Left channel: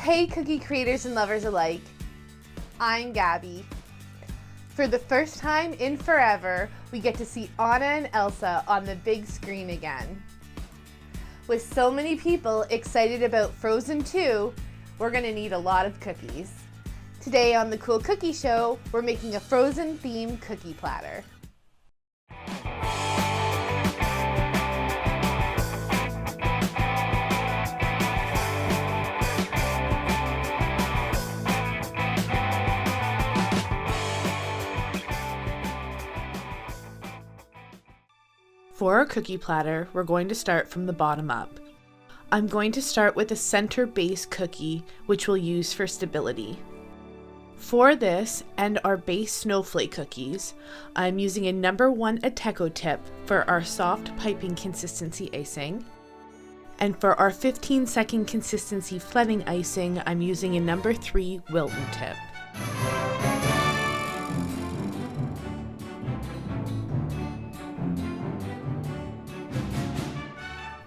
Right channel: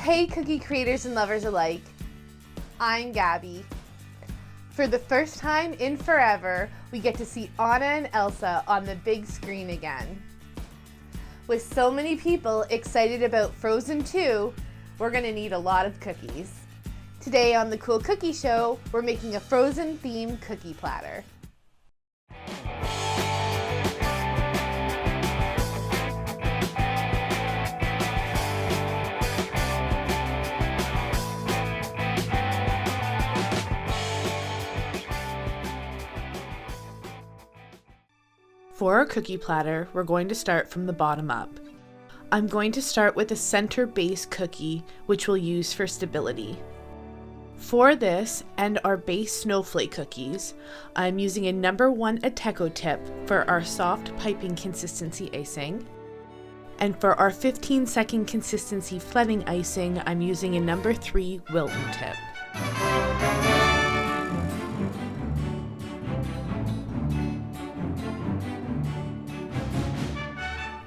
Hey cookie creators and lovers alike, I'm Gabby. For the first time in forever, we get to see Anna and Elsa on the big screen again. With so many people excited about Frozen 2, we're gonna need a lot of cookies. Today on the Cool Cookie Show, we're making a Frozen themed cookie platter. For our cookie platter, we're going to start from the bottom up. I'm going to start with a center base cookie, which we'll use for stability. For this and our base snowflake cookies, I'm using a number 1 Ateco tip for our soft piping consistency icing. And for our 15-second consistency flooding icing, I'm using a number 3 Wilton tip.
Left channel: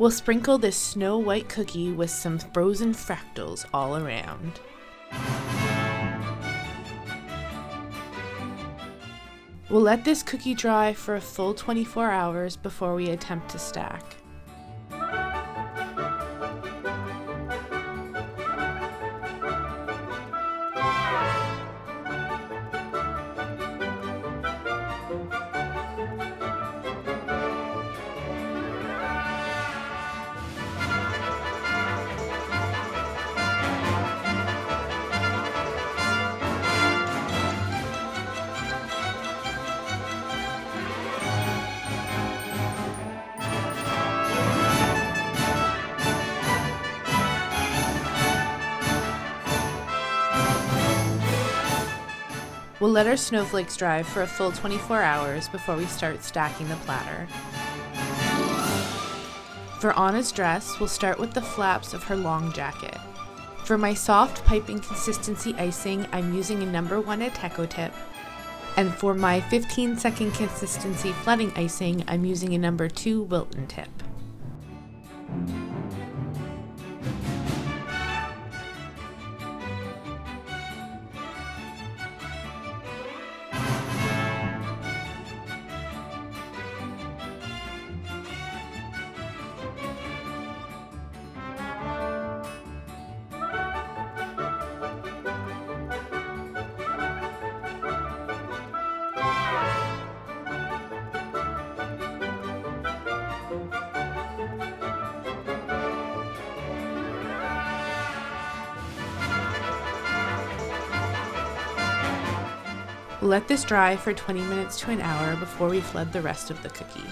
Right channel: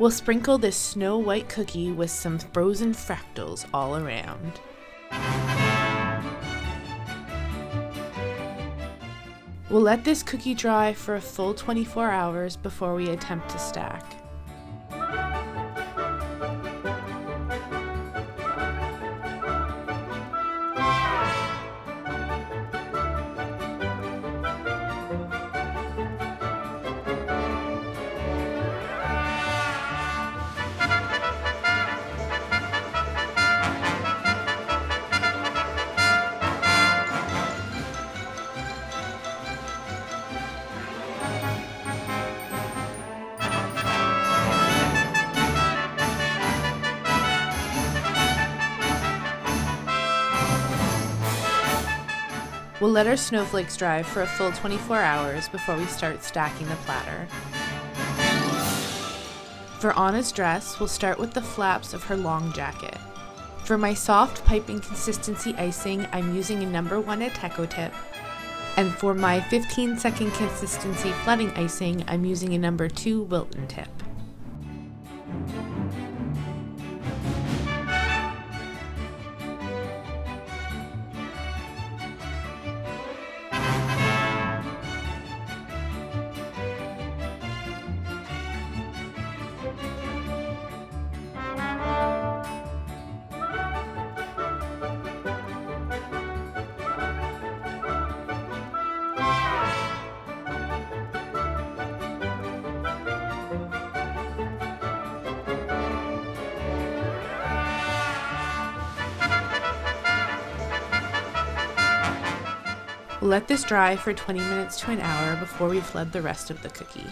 We'll sprinkle this snow white cookie with some frozen fractals all around. We'll let this cookie dry for a full 24 hours before we attempt to stack. We'll let our snowflakes dry for a full 24 hours before we start stacking the platter. For Anna's dress, we'll start with the flaps of her long jacket. For my soft piping consistency icing, I'm using a number 1 Ateco tip. And for my 15-second consistency flooding icing, I'm using a number 2 Wilton tip. We'll let this dry for 20 minutes to an hour before we flood the rest of the cookie.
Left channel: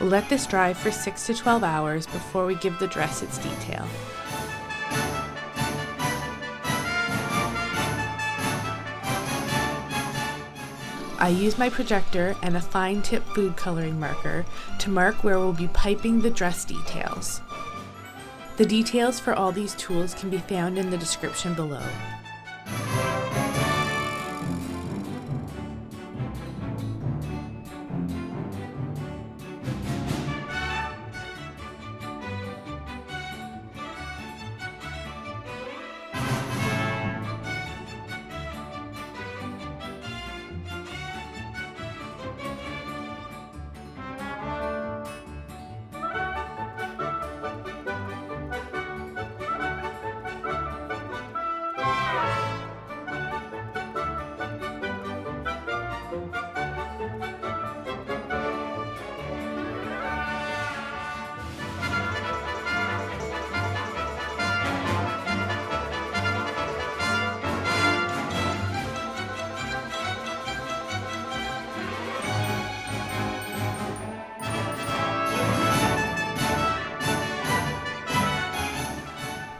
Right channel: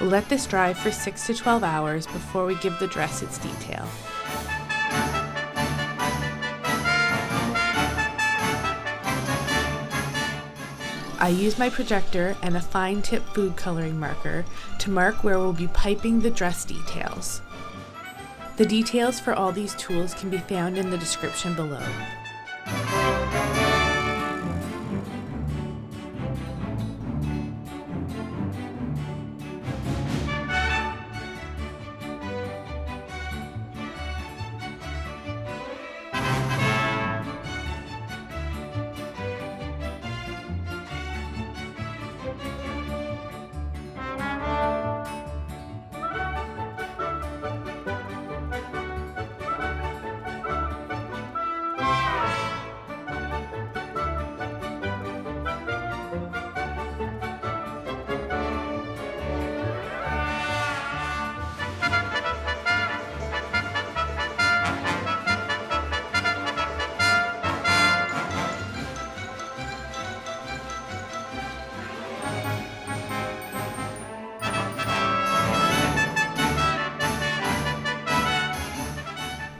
We'll let this dry for 6 to 12 hours before we give the dress its detail. I use my projector and a fine tip food coloring marker to mark where we'll be piping the dress details. The details for all these tools can be found in the description below.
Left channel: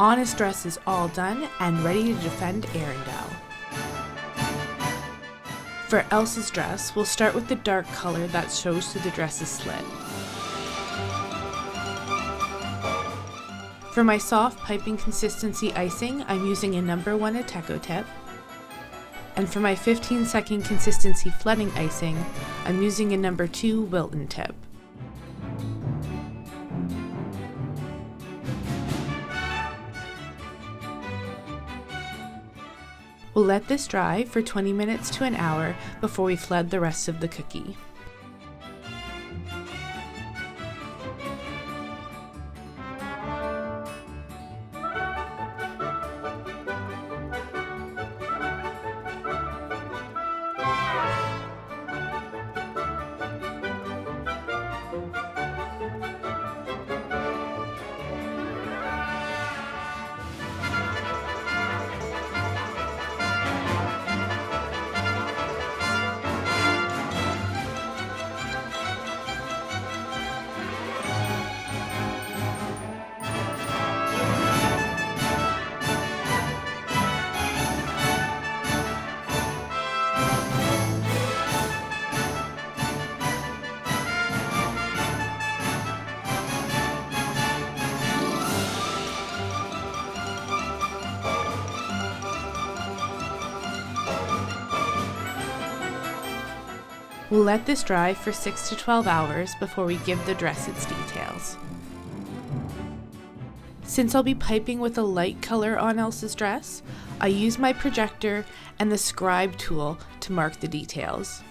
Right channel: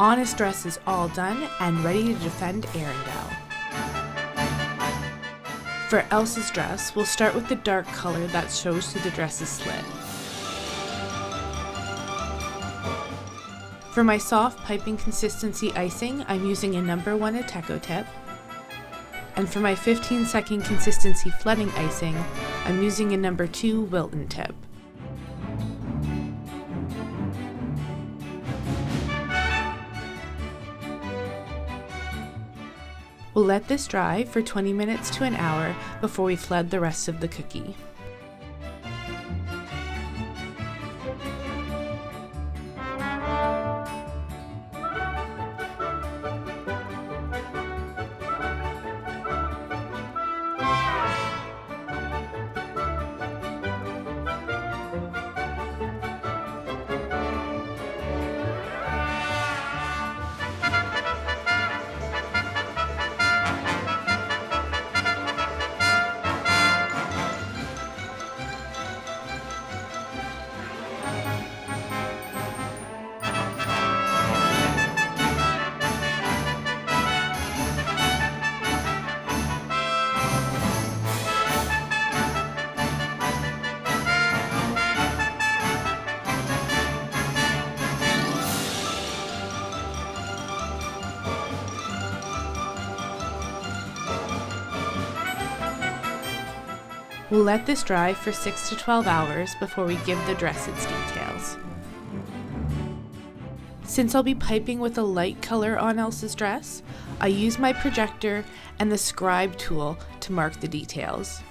Anna's dress is all done and ready to defend Arendelle. For Elsa's dress, we'll start with the dark color that shows through the dress's slit. For my soft piping consistency icing, I'm using a number 1 Ateco tip. And for my 15-second consistency flooding icing, I'm using a number 2 Wilton tip. We'll let this dry for 20 minutes to an hour before we flood the rest of the cookie. We'll let this dry for 6 to 12 hours before we give the dress its details. Since I'll be piping with a light color on Elsa's dress, I use my projector and the scribe tool to mark the details.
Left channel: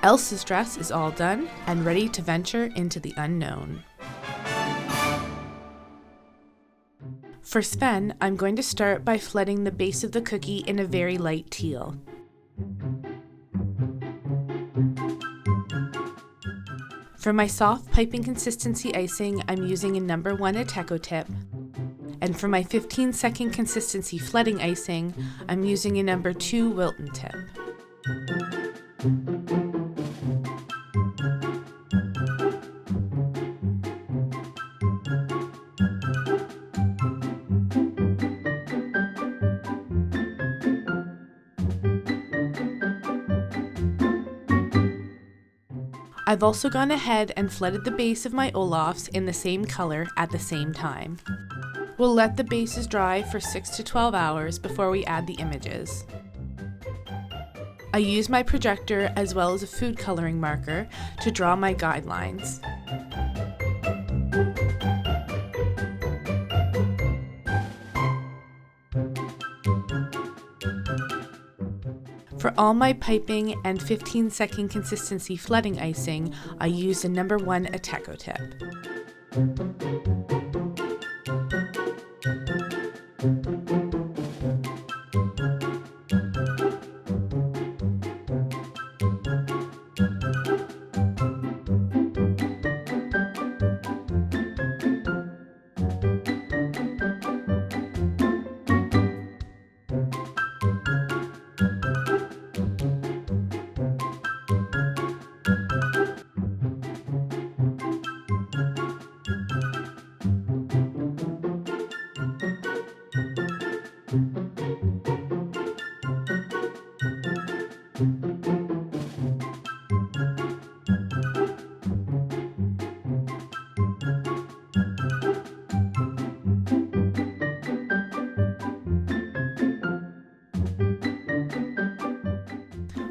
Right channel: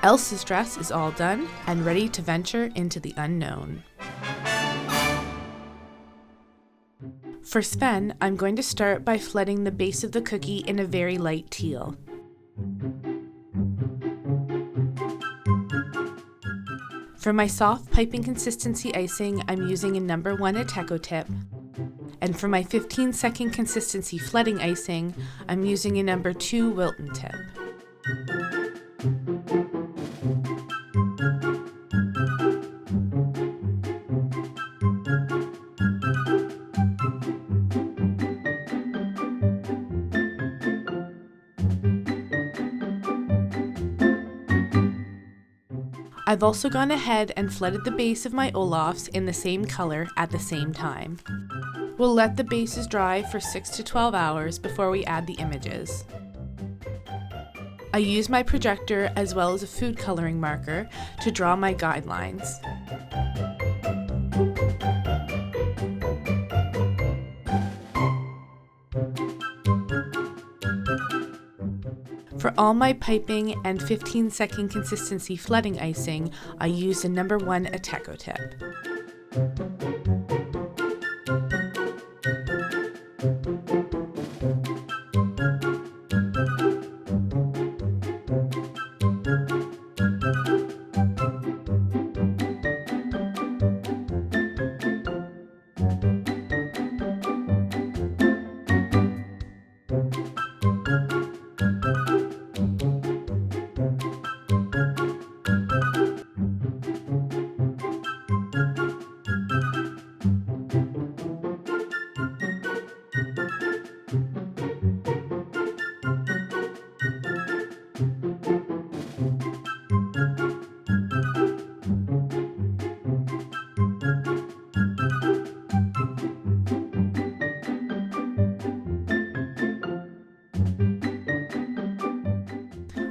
Elsa's dress is all done and ready to venture into the unknown. For Sven, I'm going to start by flooding the base of the cookie in a very light teal. For my soft piping consistency icing, I'm using a number 1 Ateco tip. And for my 15-second consistency flooding icing, I'm using a number 2 Wilton tip. I've also gone ahead and flooded the base of my Olafs in the same color at the same time. We'll let the bases dry for 6 to 12 hours before we add the images. I use my projector as well as a food coloring marker to draw my guidelines. For all my piping and 15-second consistency flooding icing, I used a number 1 Ateco tip.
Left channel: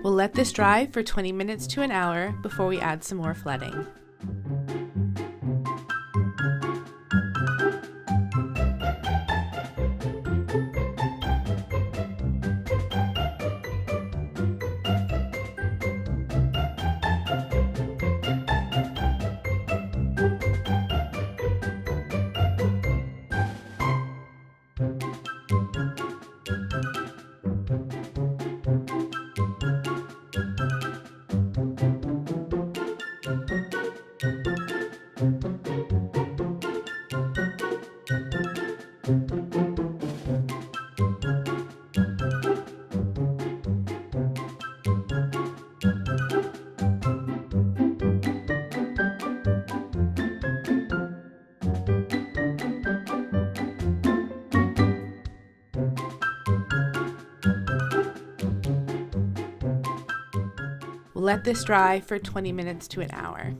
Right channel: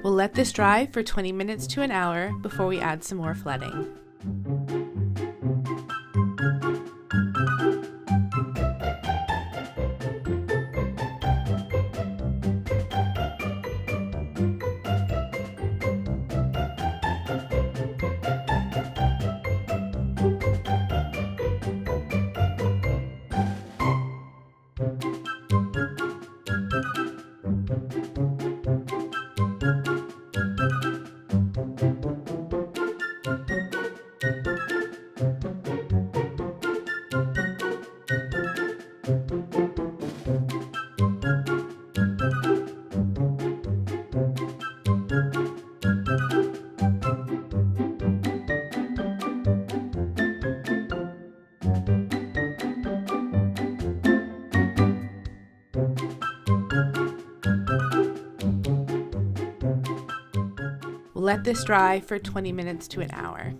We'll let this dry for 20 minutes to an hour before we add some more flooding. Let this dry for 20 minutes to an hour.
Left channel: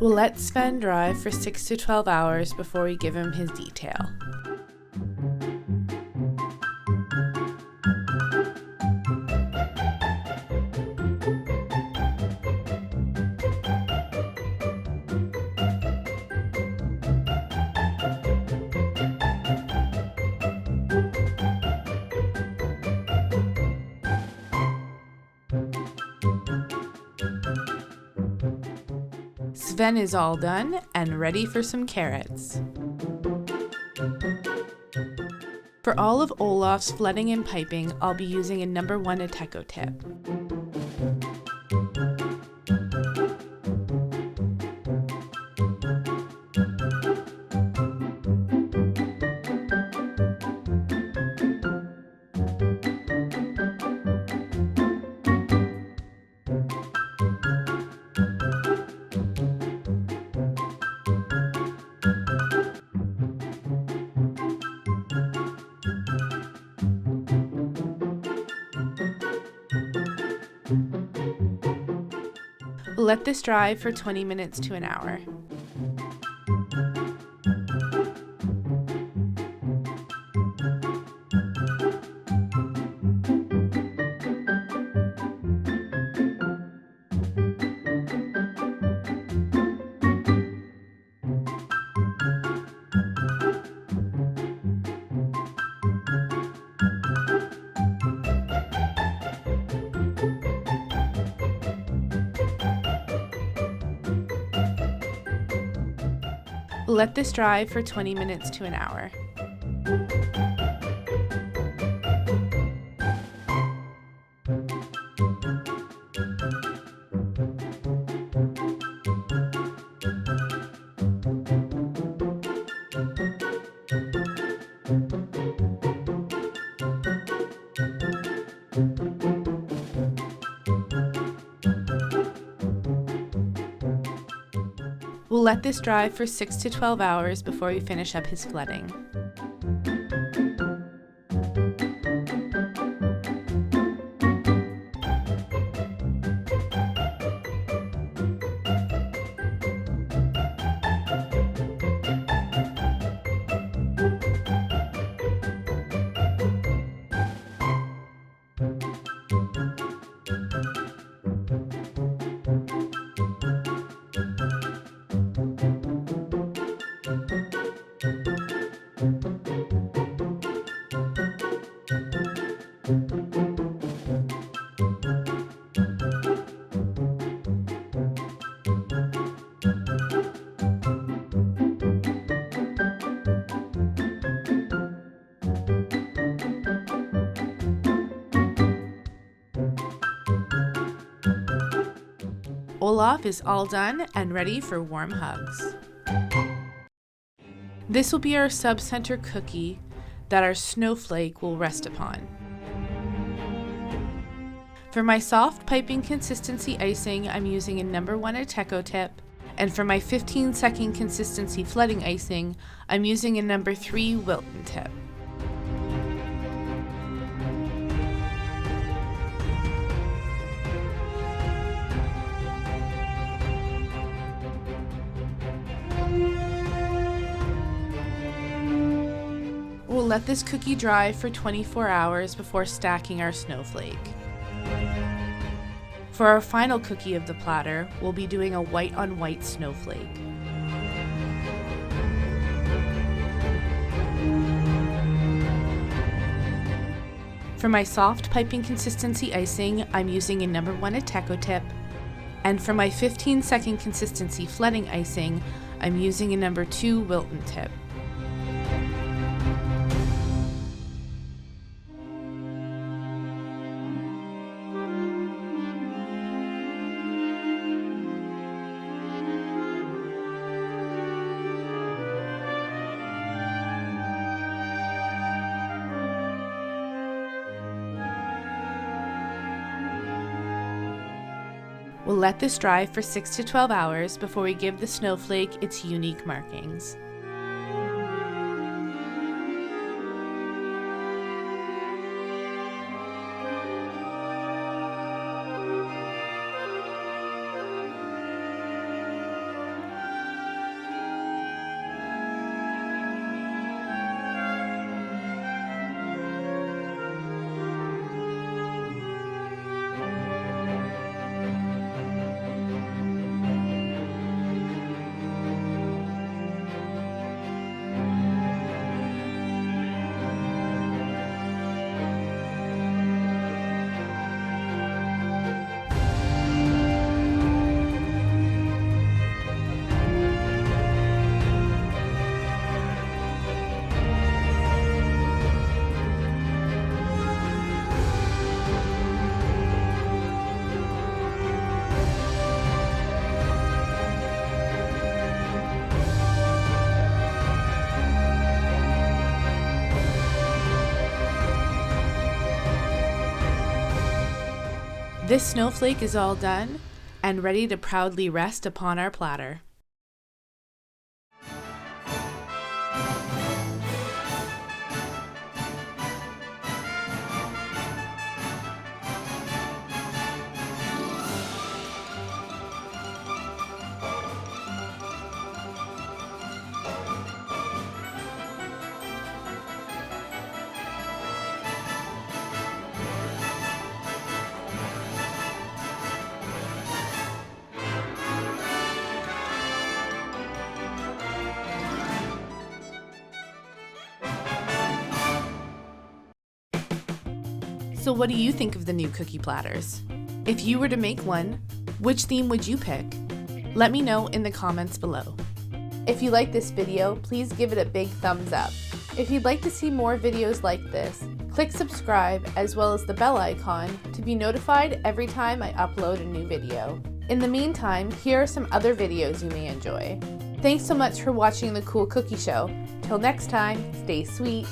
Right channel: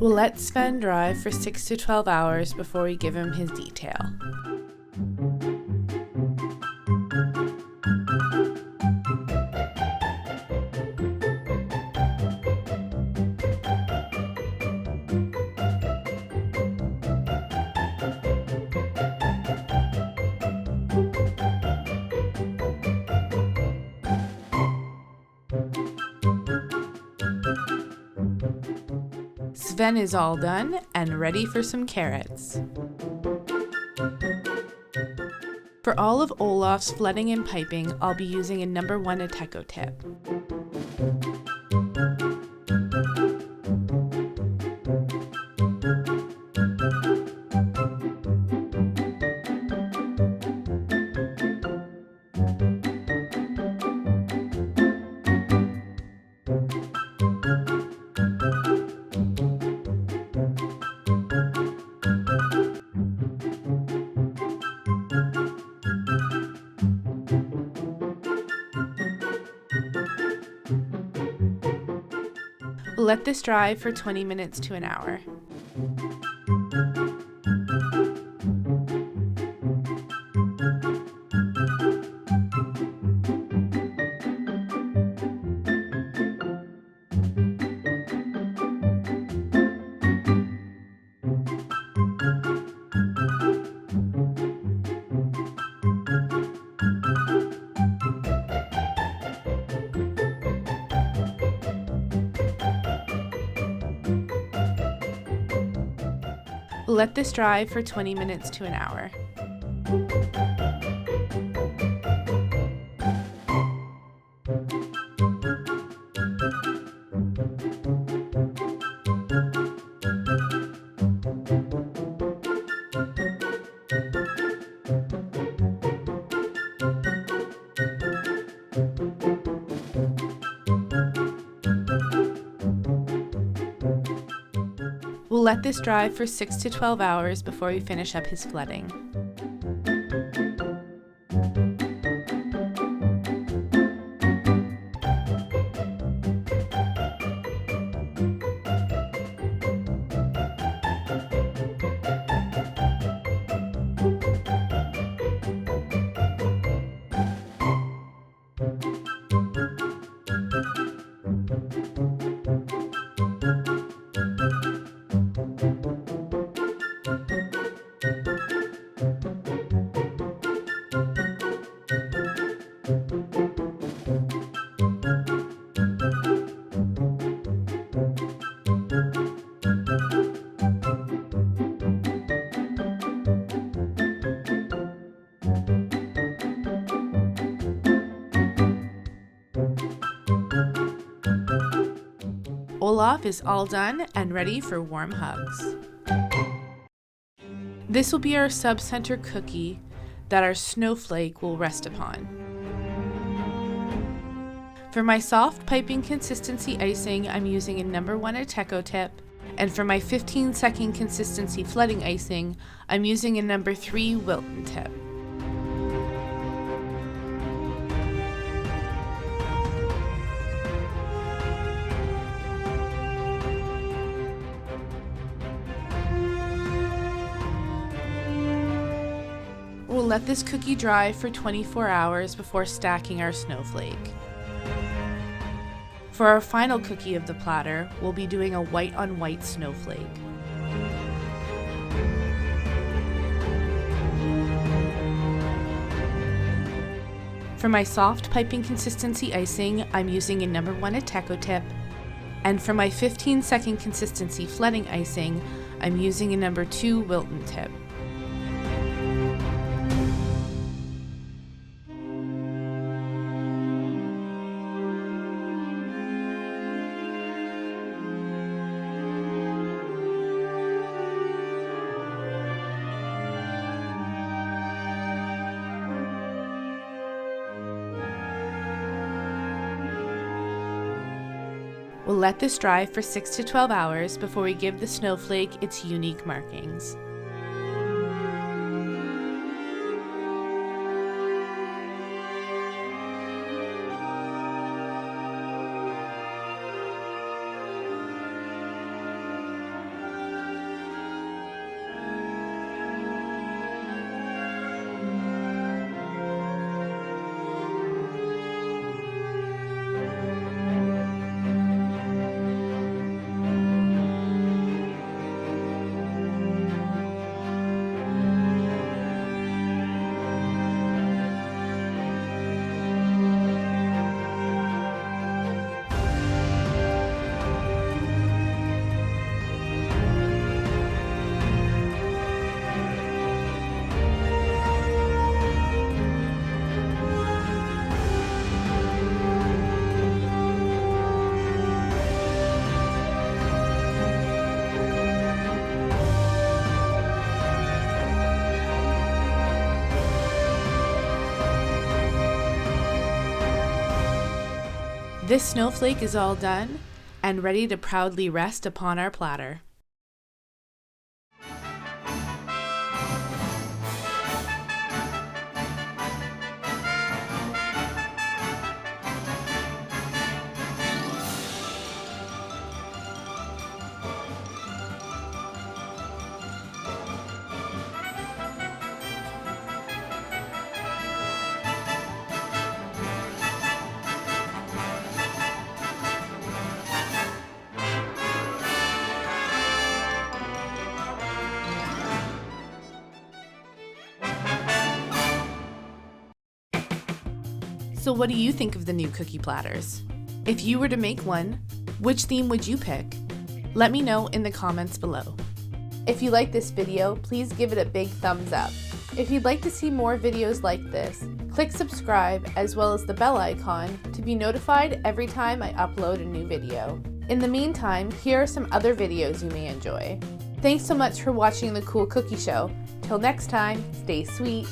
We'll let Sven dry for 6 to 12 hours before we give him his detail. Sven is all done and ready for some carrots. For all of Olaf's flooding and piping, I'll be using a number 1 Ateco tip. We'll let this dry for 20 minutes to an hour. We'll let this dry for 20 minutes to an hour. We'll let this dry for 6 to 12 hours before we finish up his flooding. Olaf is all done and ready for warm hugs. This will be our sub-center cookie that our snowflake will rest upon. For my soft piping consistency icing, I'm using a number 1 Ateco tip, and for my 15-second consistency flooding icing, I'm using a number 3 Wilton tip. We'll let this cookie dry for 24 hours before stacking our snowflake. For our final cookie of the platter, we'll be doing a white on white snowflake. For my soft piping consistency icing, I'm using a number 1 Ateco tip, and for my 15-second consistency flooding icing, I'm using a number 2 Wilton tip. We'll let this dry for 6 to 12 hours before we give the snowflake its unique markings. This snowflake is all done and ready to proudly rest upon our platter. So what do you think of the new cookie platters? If you were to make one, which theme would you pick? Let me know in the comments below. If you like this video, please give it a big thumbs up. If you'd like to see more videos like this, click subscribe as well as the bell icon to be notified every time I upload a new video. In the meantime, here are some other videos you may enjoy. Thanks so much for watching the Cool Cookie Show. Till next time, stay sweet.